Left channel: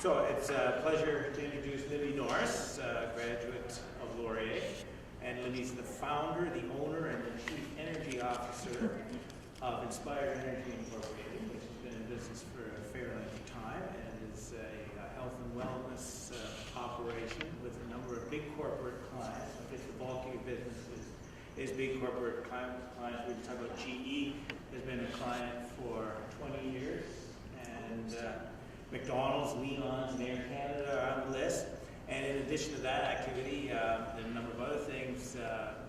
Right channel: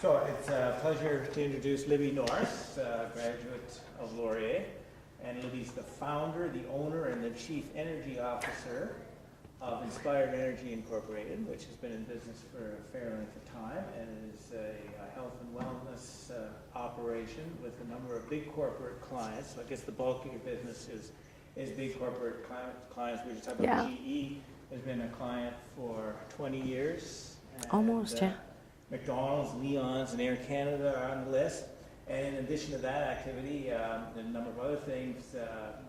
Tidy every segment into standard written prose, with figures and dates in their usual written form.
So it's a pleasure to introduce Libby Norris, graduate of Laurier. And Libby's the founder, the owner, and the chief energy officer of Inspired Energy Incorporated, which has been in business for a fair length of time and is a health and wellness operation with a number of big corporate clients. So I guess the bulk of your business is big corporate clients. We just talked about GE has been a client for 20 years. And, almost, yeah. McDonald's, Leon's, and Air Canada are on the list. And in addition to that activity, a number of other things.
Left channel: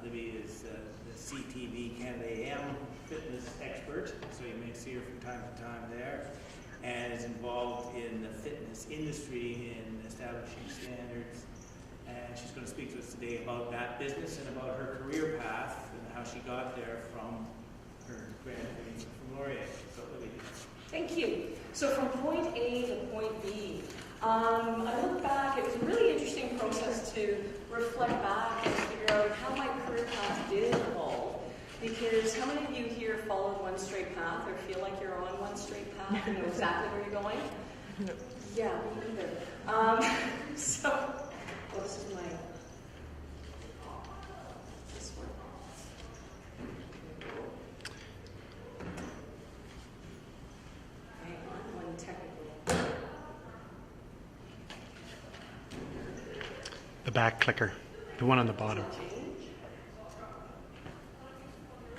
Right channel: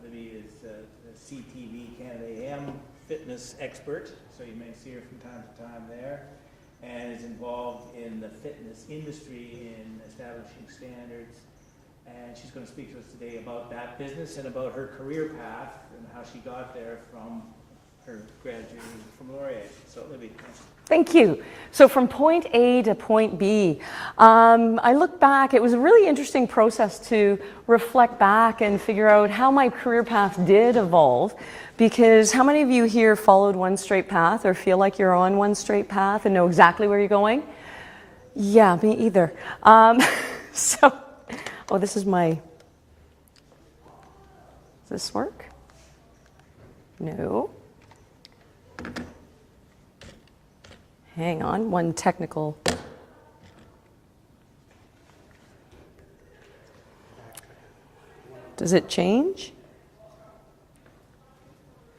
Libby is the CTV Canada AM fitness expert, so you may see her from time to time there, and is involved in the fitness industry in establishing standards. And she's going to speak to us today about that business and about her career path and how she got there from her graduating from Laurier. So Libby. Thank you. So from point A to point B, I look back, it was a really interesting process to reflect back and figure out how my career path did evolve, because how many of you here followed one straight path or feel like you're on one straight path and know exactly where you're going? Yeah, me either. This is my, does this work? No. Hang on, one technical. The back clicker, the one on the bottom. Does it change?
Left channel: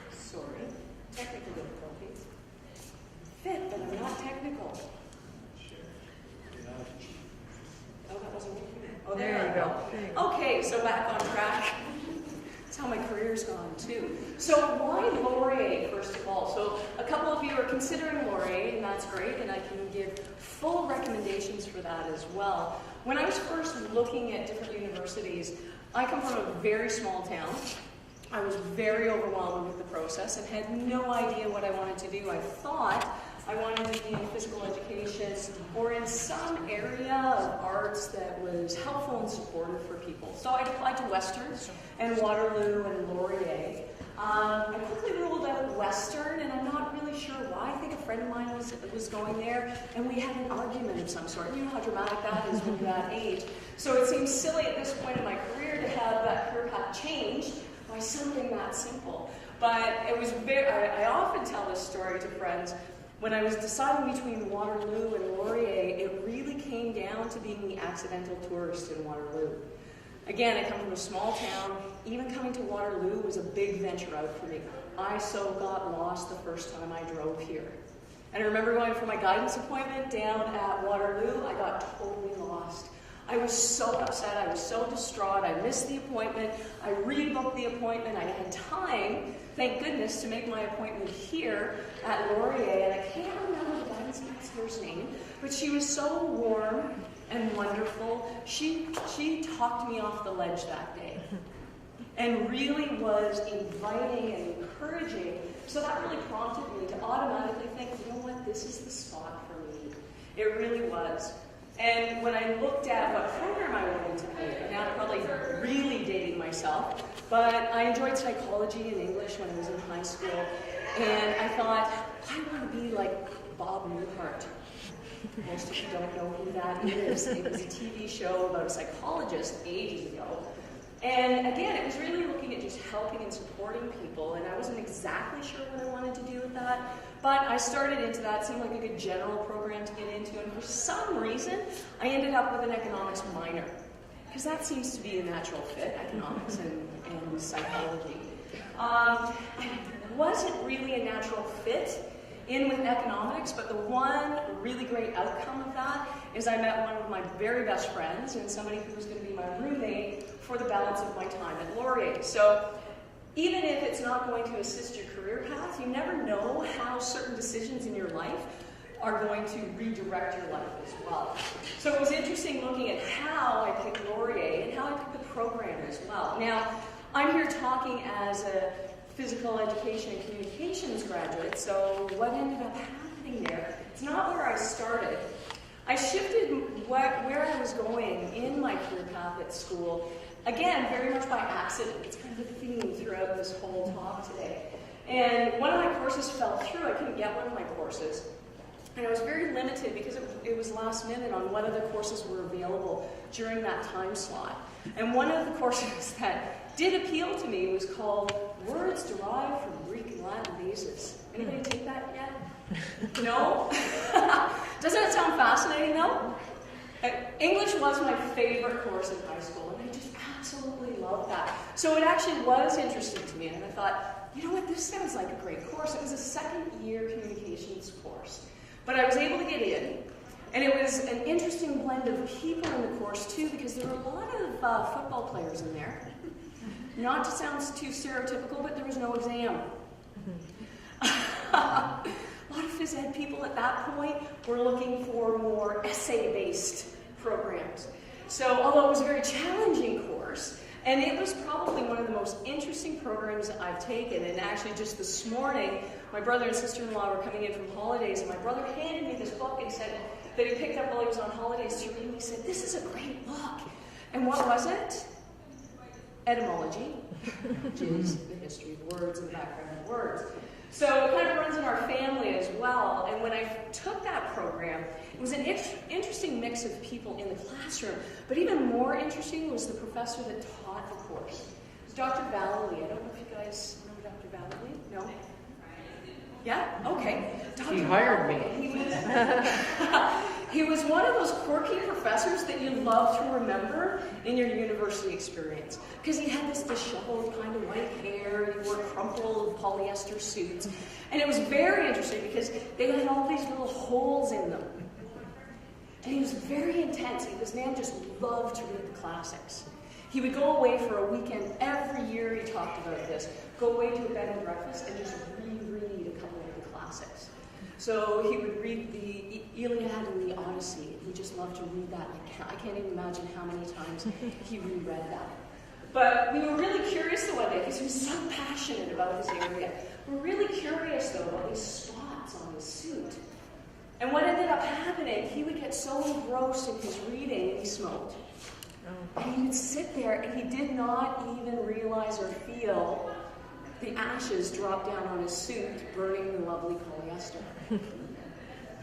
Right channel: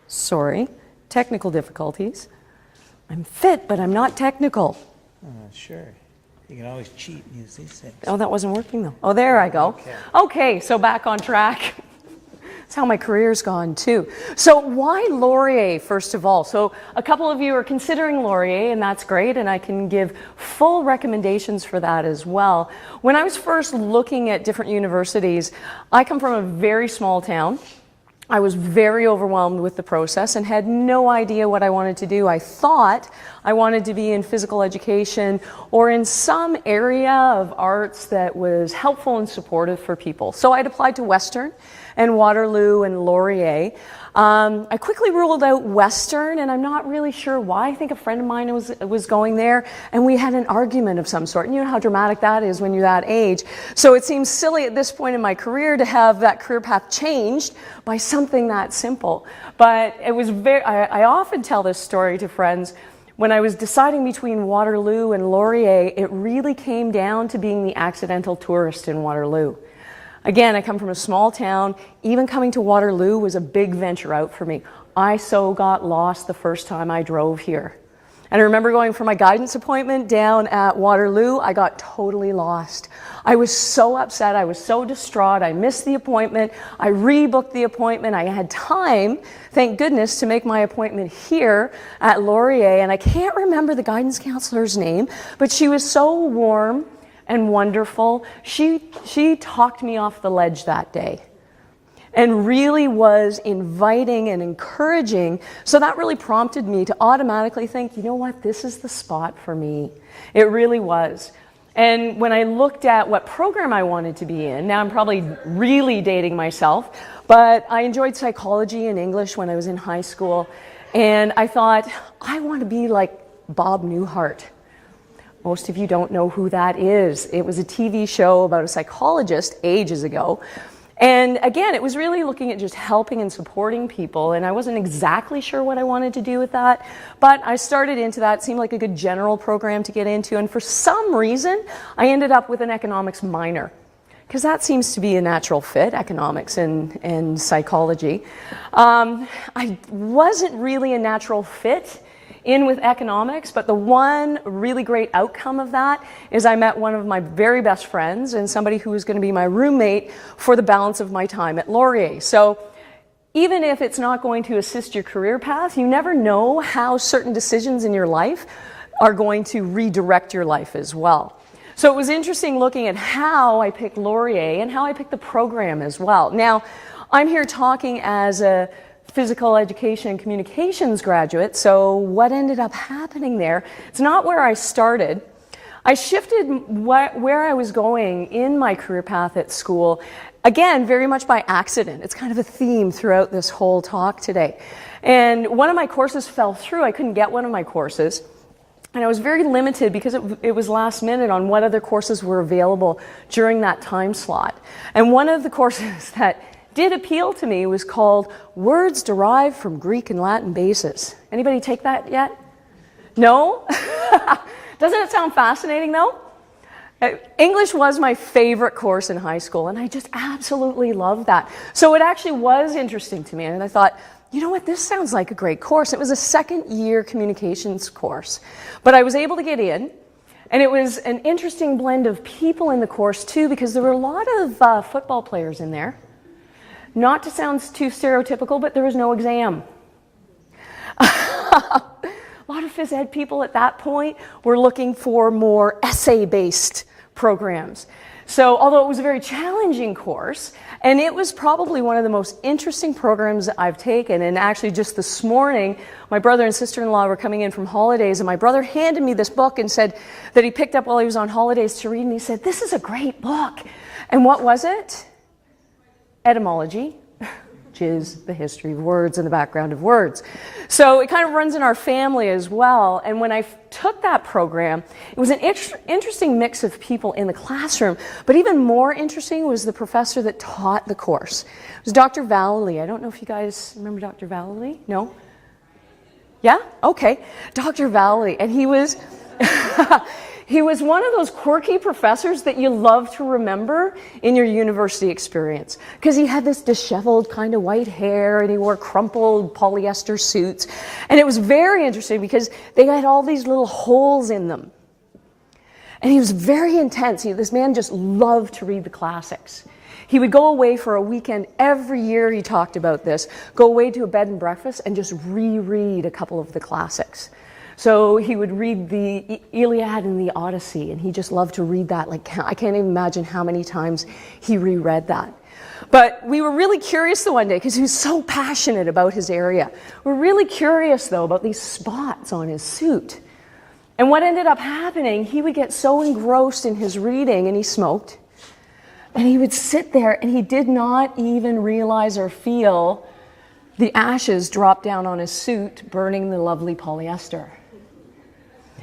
Sorry, technical difficulties. I'm fit, but I'm not technical. Sure. You can always cheat and use these things. Oh, that wasn't working though. Oh, there I go. Okay, so back on track. That's how my career's gone too. So why Laurier, first of all? So a couple of you are considering Laurier, and that's great, and I can give full recommendations for that as well. When I was first looking at different universities, I come from a very small town. I was very overwhelmed with the process and had no idea what I wanted to do. I thought I wanted to be in physical education or in some area of arts that was helpful and supportive for people. So I'd applied to Western and Waterloo and Laurier. I quickly ruled out Western, and I'm not really sure why. I think a friend of mine was going there, and we had an argument of some sort. And you know how dramatic that is when you're that age. So it seems silly at this point in my career to have that career path changed by something that simple. But it was I often tell this story to friends. When I was deciding between Waterloo and Laurier, it really came down to being the accidental tourist in Waterloo. Again, I come from a small town. Even coming to Waterloo was a big venture out for me. I so got lost the first time I drove here. And I remember going for my guidance appointment down at Waterloo. I got totally lost. I was so upset. I was so distraught. I missed the appointment. I rebooked the appointment. I had time, thank goodness, to make my appointment here at Laurier. And I can't remember the guidance counselor's name, but she was so warm and wonderful. She talked me off the ledge that day and really was inviting and encouraging. So that really prompted me to automatically think, you know what, this is the spot for me. It really was. And when I looked at what program I wanted to be in, now I'm probably really dating myself, but I enjoyed psychology and English when I was in high school. And I thought, I want to be like Bob Newhart. Most of you don't know who that is. It was a TV show about a psychologist ages ago. And again, it was really looking at just helping and supporting people, and I wasn't exactly sure what I wanted to do with that, but I started into that. It seemed like a good general program to get into, and for some reason, I ended up with an economics minor, because that seems to be a natural fit, economics and psychology. I wasn't really a natural fit in with economics, but the one really great outcome of that is I met one of my very best friends and somebody who was going to be my roommate for the balance of my time at Laurier. So even if it's not going to assist your career path, you never know how certain decisions in your life are going to redirect your life as well. So it was interesting looking at how I picked Laurier and how I picked the program as well. Now, I'm here talking as a physical education and communications graduate, so what ended up happening there, it's not where I started. I shifted where I was going in my career path at school, again, very much by accident. It's kind of a theme throughout this whole talk today. And one of my courses fell through. I couldn't get one of my courses. And I was very limited because it was last minute on what other courses were available during that time slot. And one of the courses that did appeal to me was called Words Derived from Greek and Latin Bases. Anybody take that yet? No? Doesn't it sound fascinating though? English was my favorite course in high school, and I just absolutely loved that. So it actually was interesting to me, and I thought, you know what, this sounds like a great course. It was a second-year communications course, but I was able to get in, and it was an interesting blend of people in the course too, because there were a lot of football players in there. Not to sound too stereotypical, but there was no exam. A lot of phys ed people at that point were looking for more essay-based programs. So although it was a very challenging course, and it was probably one of the most interesting programs I've taken, and actually just this morning, my brother and sister-in-law were coming in from holidays, and my brother handed me this book and said that he picked up while he was on holidays to read, and he said, "This is a great book." And what was it? Etymology, which is the history of words and the background of words. So it kind of runs in our family as well. And when I took that program, it was an interesting mix of people in the classroom, but even more interesting was the professor that taught the course. It was Dr. Vallely. I don't know if you guys remember Dr. Vallely? No? Yeah? Okay. Dr. Vallely. And he was... He was one of those quirky professors that you love to remember in your university experience, because he had this disheveled kind of white hair and he wore crumpled polyester suits. And it was very interesting because they had all these little holes in them. And he was very intense. This man just loved to read the classics. He would go away for a weekend every year, he talked about this, go away to a bed and breakfast and just reread a couple of the classics. So he would read the Iliad and the Odyssey, and he just loved to read that. Like, I can't even imagine how many times he reread that. But we were really curious the one day, because he was so passionate about his area. We're really curious, though, about these spots on his suit. And what ended up happening, he would get so engrossed in his reading, and he smoked, and he would sit there, and he did not even realize or feel the ashes drop down on his suit, burning the lovely polyester.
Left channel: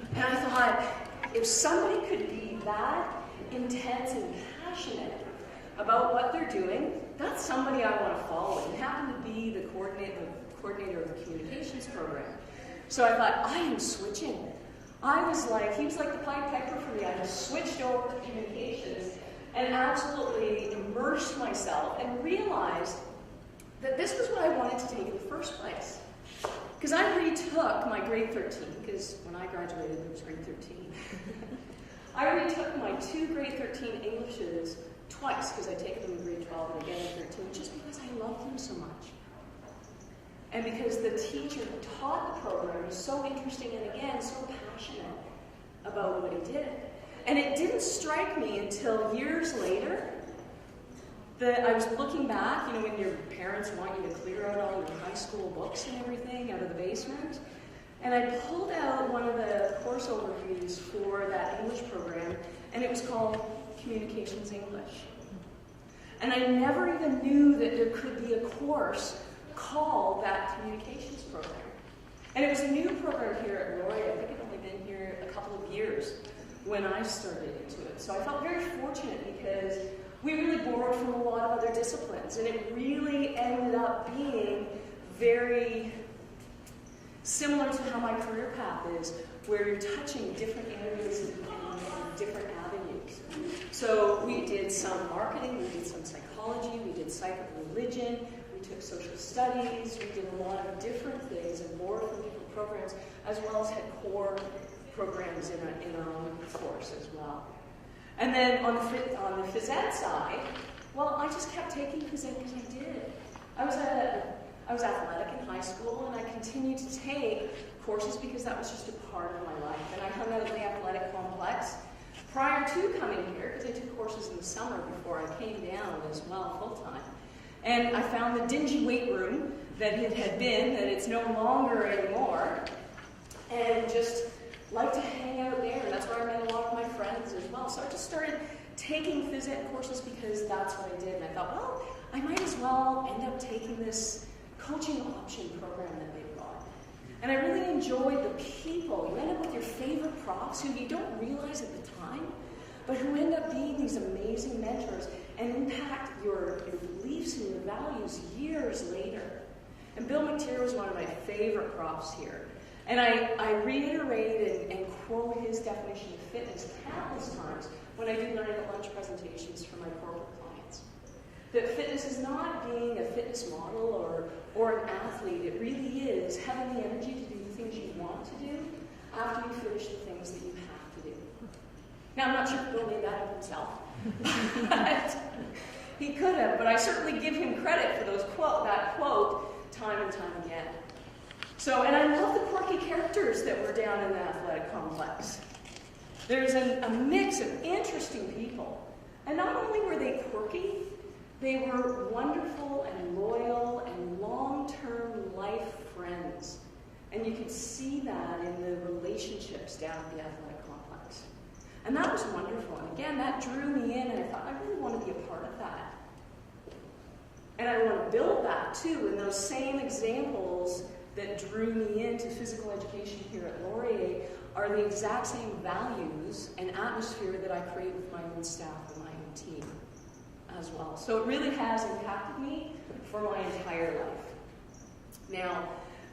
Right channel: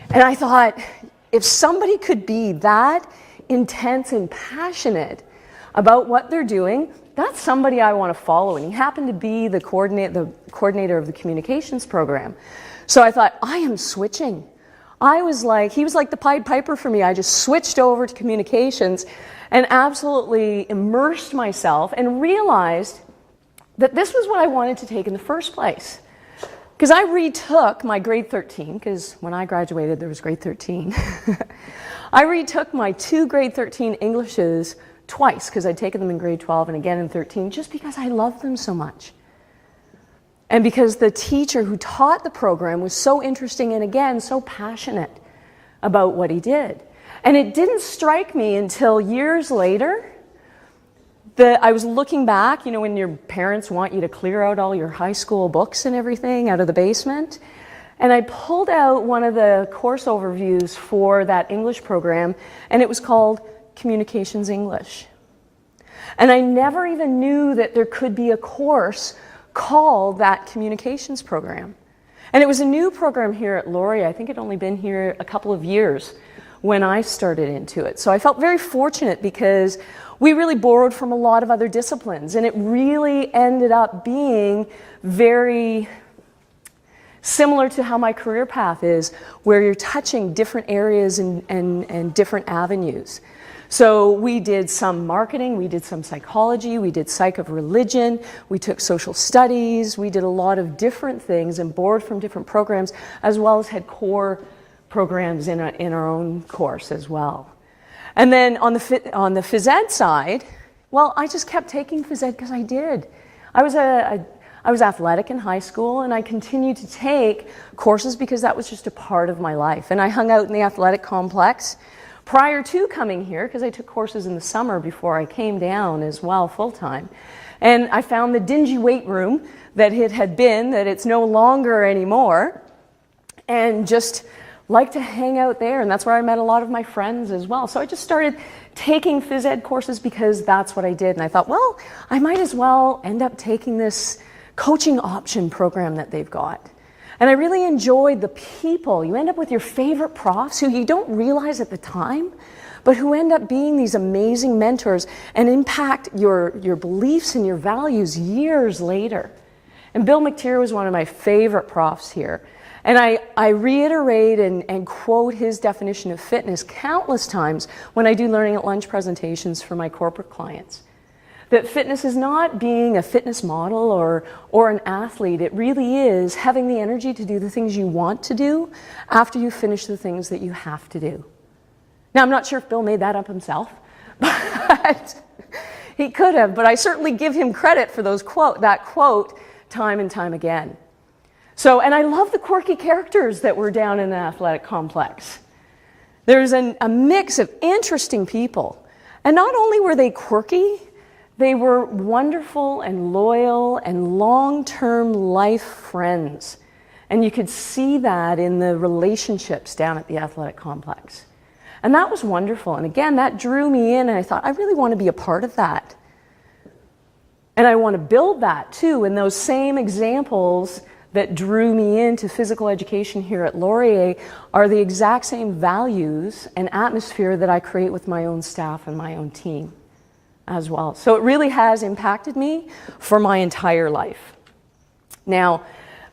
And I thought, if somebody could be that intense and passionate about what they're doing, that's somebody I want to follow. And he happened to be the coordinator of the communications program. So I thought, I am switching. He was like the Pied Piper for me. I just switched over to communications and absolutely immersed myself and realized that this was what I wanted to take in the first place. Because I retook my grade 13, because when I graduated there was grade 13. I retook my 2 grade 13 Englishes twice, because I'd taken them in grade 12 and again in 13, just because I loved them so much. And because the teacher who taught the program was so interesting and again, so passionate about what he did. And it didn't strike me until years later I was looking back, you know, when your parents want you to clear out all your high school books and everything out of the basement. And I pulled out one of the course overviews for that English program, and it was called Communications English. And I never even knew that there could be a course called that communications program. And it was a new program here at Laurier. I think it had only been here a couple of years when I started into it. So I felt very fortunate because we really borrowed from a lot of other disciplines, and it really ended up being very similar to how my career path is, where you're touching different areas and different avenues. So we did some marketing, we did some psychology, we did psych of religion, we took social studies, we did a lot of different things and borrowed from different programs, as well as had core programs in our own course as well. And then on the phys ed side, well, I just kept taking phys ed because I did. I was athletic in high school, and I continued to take courses because that was just a part of my life. And I hung out in the athletic complex prior to coming here, because I took courses in the summer before I came down as well full-time. And I found the dingy weight room that it had been, that it's no longer anymore, and just like to hang out there, and that's where I met a lot of my friends as well. So I just started taking phys ed courses because that's what I did, and I thought, well, I might as well end up taking this coaching option program that they've got. And I really enjoyed the people. You end up with your favorite profs who you don't realize at the time, but who end up being these amazing mentors and impact your beliefs and your values years later. And Bill McTeer was one of my favorite profs here. And I reiterate and quote his definition of fitness countless times when I do learning at lunch presentations for my corporate clients. That fitness is not being a fitness model or an athlete. It really is having the energy to do the things you want to do after you finish the things that you have to do. Now, I'm not sure if Bill made that up himself, but he could have, but I certainly give him credit for that quote time and time again. So, and I love the quirky characters that were down in the athletic complex. There's a mix of interesting people. And not only were they quirky, they were wonderful and loyal and long-term life friends. And you could see that in the relationships down at the athletic complex. And that was wonderful. And again, that drew me in, and I thought, I really want to be a part of that. And I want to build that too. And those same examples that drew me into physical education here at Laurier are the exact same values and atmosphere that I create with my own staff and my own team as well. So it really has impacted me for my entire life. Now,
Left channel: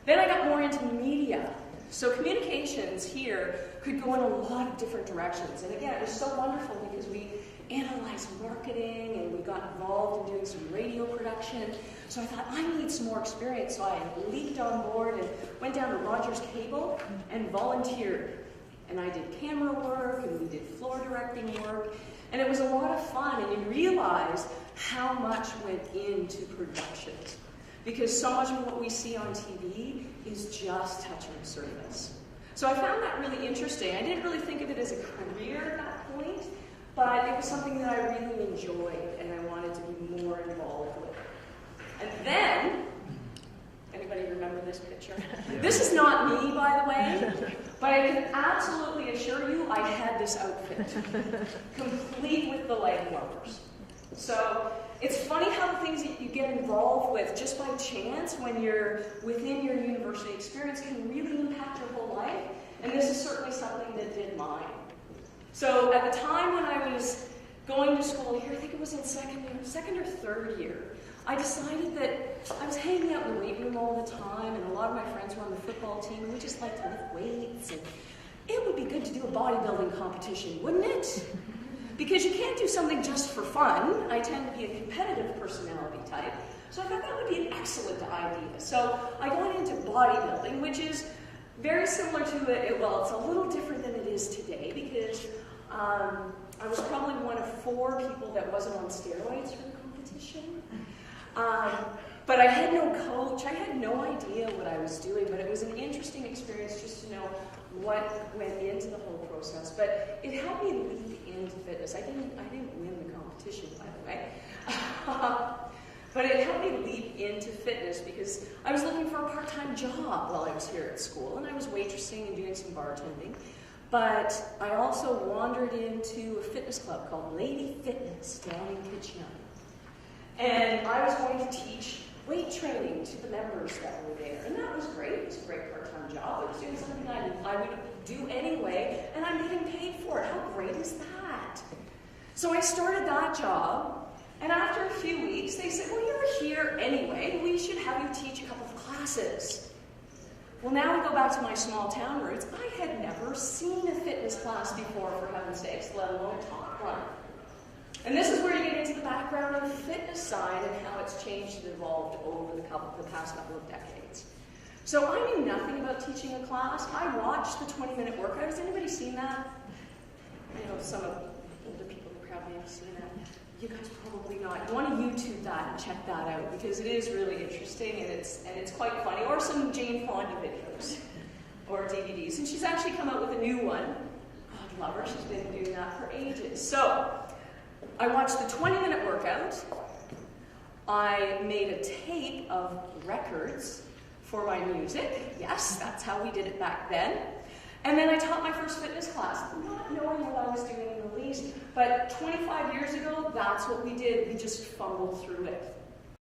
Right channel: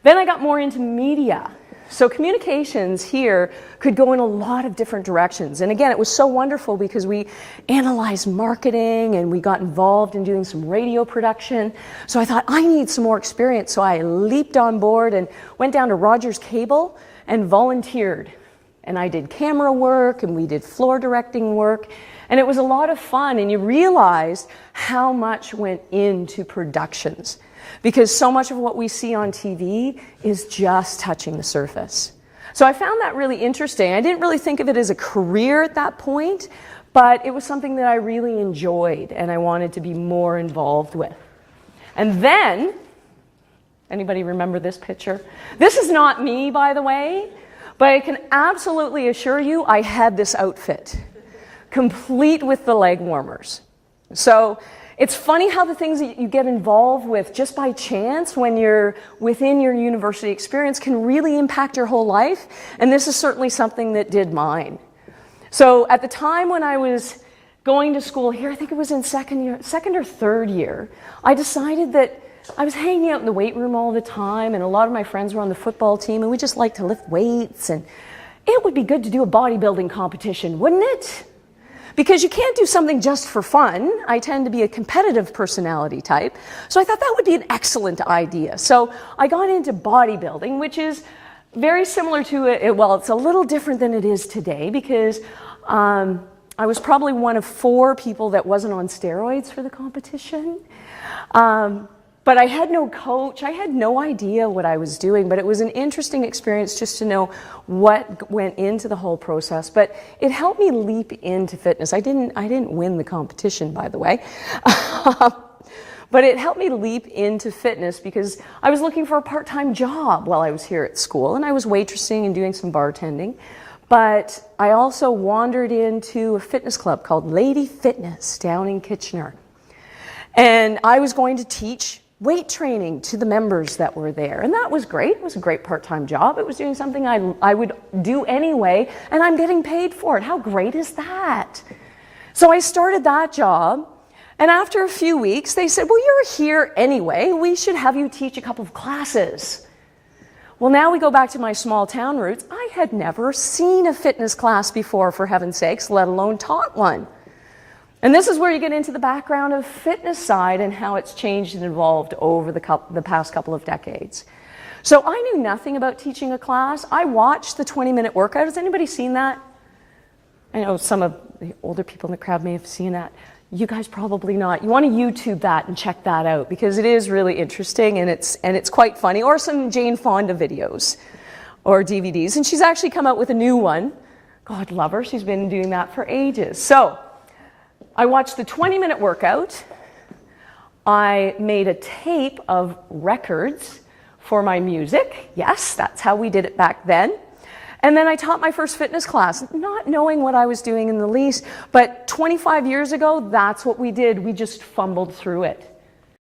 then I got more into media. So communications here could go in a lot of different directions. And again, it was so wonderful because we analyzed marketing and we got involved in doing some radio production. So I thought, I need some more experience. So I leaped on board and went down to Rogers Cable and volunteered. And I did camera work and we did floor directing work. And it was a lot of fun. And you realized how much went into productions, because so much of what we see on TV is just touching the surface. So I found that really interesting. I didn't really think of it as a career at that point, but it was something that I really enjoyed and I wanted to be more involved with. And then, anybody remember this picture? This is not me, by the way, but I can absolutely assure you I had this outfit, complete with the leg warmers. So it's funny how the things that you get involved with just by chance when you're within your university experience can really impact your whole life. And this is certainly something that did mine. So at the time when I was going to school here, I think it was in second or third year, I decided that I was hanging out in the weight room all the time, and a lot of my friends were on the football team, and we just liked to lift weights, and it would be good to do a bodybuilding competition, wouldn't it? Because you can't do something just for fun. I tend to be a competitive personality type. So I thought that would be an excellent idea. So I got into bodybuilding, which is very similar to it. Well, it's a little different than it is today because I was probably one of 4 people that wasn't on steroids for the competition. But I had no coach. I had no idea what I was doing, but it was an interesting experience just to know what went into the whole process. But it helped me leap into fitness. I didn't win the competition, by the way. But it helped me leap into fitness because I was looking for a part-time job while I was here at school, and I was waitressing and doing some bartending. But I also wandered into a fitness club called Lady Fitness down in Kitchener. And I was going to teach weight training to the members that were there. And that was great. It was a great part-time job. It was doing something I would do anyway, and I'm getting paid for it. How great is that? So I started that job, and after a few weeks, they said, well, you're here anyway. We should have you teach a couple of classes. Well, now we go back to my small town roots. I had never seen a fitness class before, for heaven's sakes, let alone taught one. And this is where you get into the background of fitness side and how it's changed and evolved over the past couple of decades. So I knew nothing about teaching a class. I watched the 20-minute workout. Has anybody seen that? I know some of the older people in the crowd may have seen that. You guys probably not. You want to YouTube that and check that out because it is really interesting and it's quite funny. Or some Jane Fonda videos or DVDs. And she's actually come out with a new one. God love her. She's been doing that for ages. So I watched the 20-minute workout. I made a tape of records for my music. Yes, that's how we did it back then. And then I taught my first fitness class, not knowing what I was doing in the least, but 25 years ago, that's what we did. We just fumbled through it.